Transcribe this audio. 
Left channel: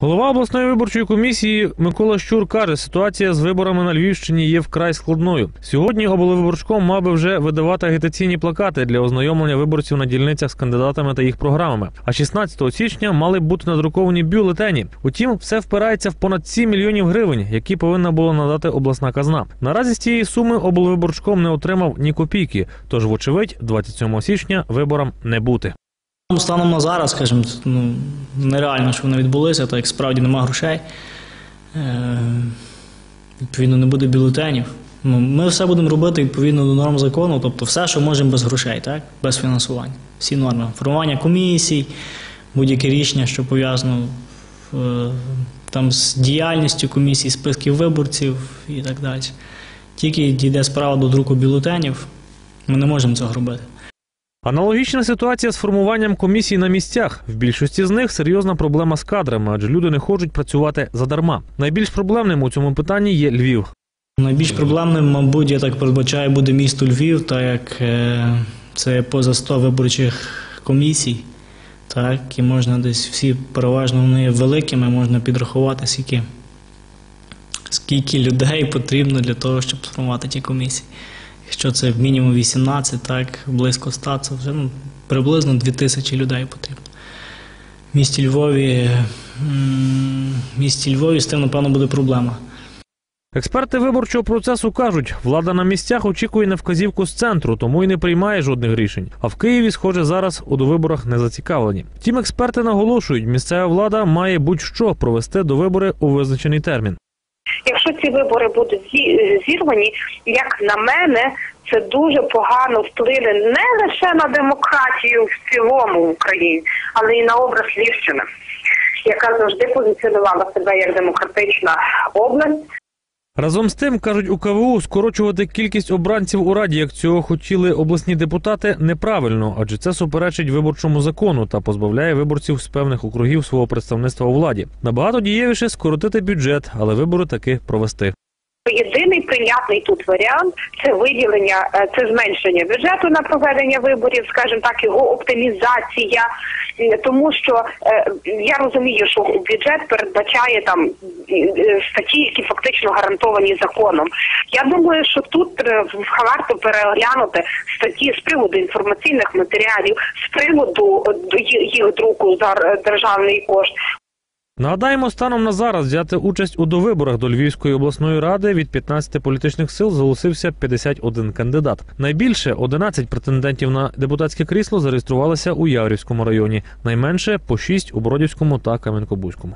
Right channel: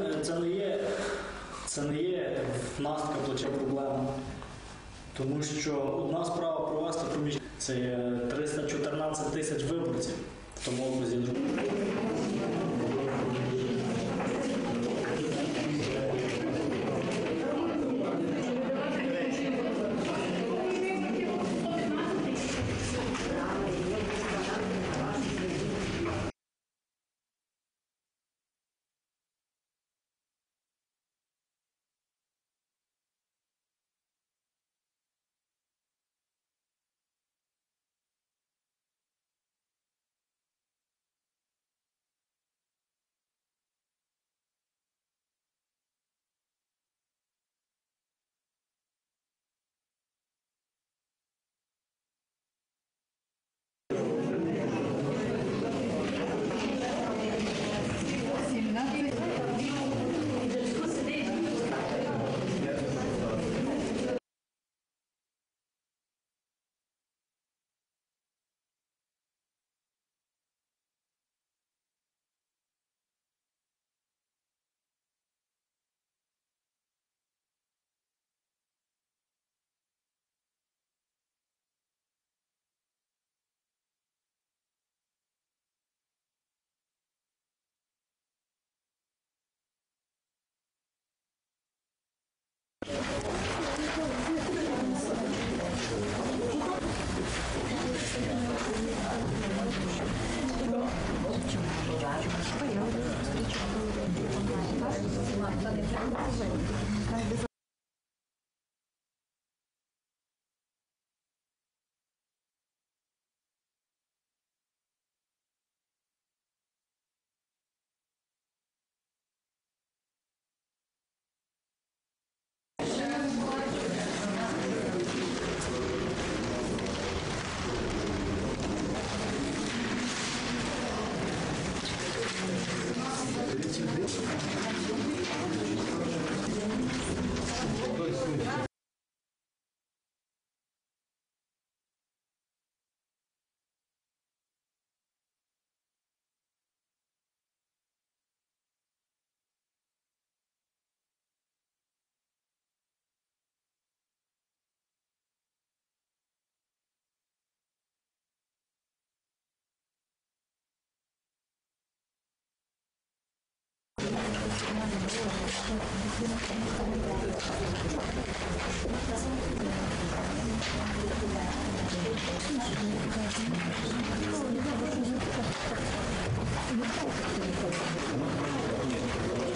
Голова обласної виборчої комісії Микола Щур каже, ситуація з виборами на Львівщині є вкрай складною. Сьогодні облвиборчком мав би вже видавати агітаційні плакати для ознайомлення виборців на дільницях з кандидатами та їх програмами. А 16 січня мали б бути надруковані бюлетені. Утім, все впирається в понад 7 мільйонів гривень, які повинна була надати обласна казна. Наразі з цієї суми облвиборчком не отримав ні копійки. Тож, вочевидь, 27 січня виборам не бути. Станом на зараз, скажімо, ну, нереально, що вони відбулися, так як справді нема грошей. Е, відповідно, не буде бюлетенів. Ну, ми все будемо робити відповідно до норм закону, тобто все, що можемо без грошей, так? без фінансування. Всі норми. Формування комісій, будь-яке рішення, що пов'язано е, там, з діяльністю комісій, списків виборців і так далі. Тільки дійде справа до друку бюлетенів, ми не можемо цього робити. Аналогічна ситуація з формуванням комісій на місцях. В більшості з них серйозна проблема з кадрами, адже люди не хочуть працювати задарма. Найбільш проблемним у цьому питанні є Львів. Найбільш проблемним, мабуть, я так передбачаю, буде місто Львів, так як е, це поза 100 виборчих комісій. Так, і можна десь всі переважно вони великими, можна підрахувати скільки, скільки людей потрібно для того, щоб сформувати ті комісії. Якщо це мінімум 18, так, близько 100, це вже ну, приблизно 2000 людей потрібно. В місті Львові, в місті Львові з тим, напевно, буде проблема. Експерти виборчого процесу кажуть, влада на місцях очікує на вказівку з центру, тому й не приймає жодних рішень. А в Києві, схоже, зараз у довиборах не зацікавлені. Втім, експерти наголошують, місцева влада має будь-що провести до вибори у визначений термін. Ці вибори будуть зі- зірвані, як на мене, це дуже погано вплине не лише на демократію в цілому в Україні, але й на образ Львівщини, яка завжди позиціонувала себе як демократична область. Разом з тим, кажуть у КВУ, скорочувати кількість обранців у раді, як цього хотіли обласні депутати, неправильно, адже це суперечить виборчому закону та позбавляє виборців з певних округів свого представництва у владі. Набагато дієвіше скоротити бюджет, але вибори таки провести. Єдиний прийнятний тут варіант це виділення, е, це зменшення бюджету на проведення виборів, скажімо так, його оптимізація. Тому що е, я розумію, що бюджет передбачає там е, статті, які фактично гарантовані законом. Я думаю, що тут е, варто переглянути статті з приводу інформаційних матеріалів, з приводу їх друку за державний кошт. Нагадаємо, станом на зараз взяти участь у довиборах до Львівської обласної ради від 15 політичних сил зголосився 51 кандидат. Найбільше 11 претендентів на депутатське крісло зареєструвалися у Яврівському районі, найменше по 6 у Бродівському та Кам'янкобурському.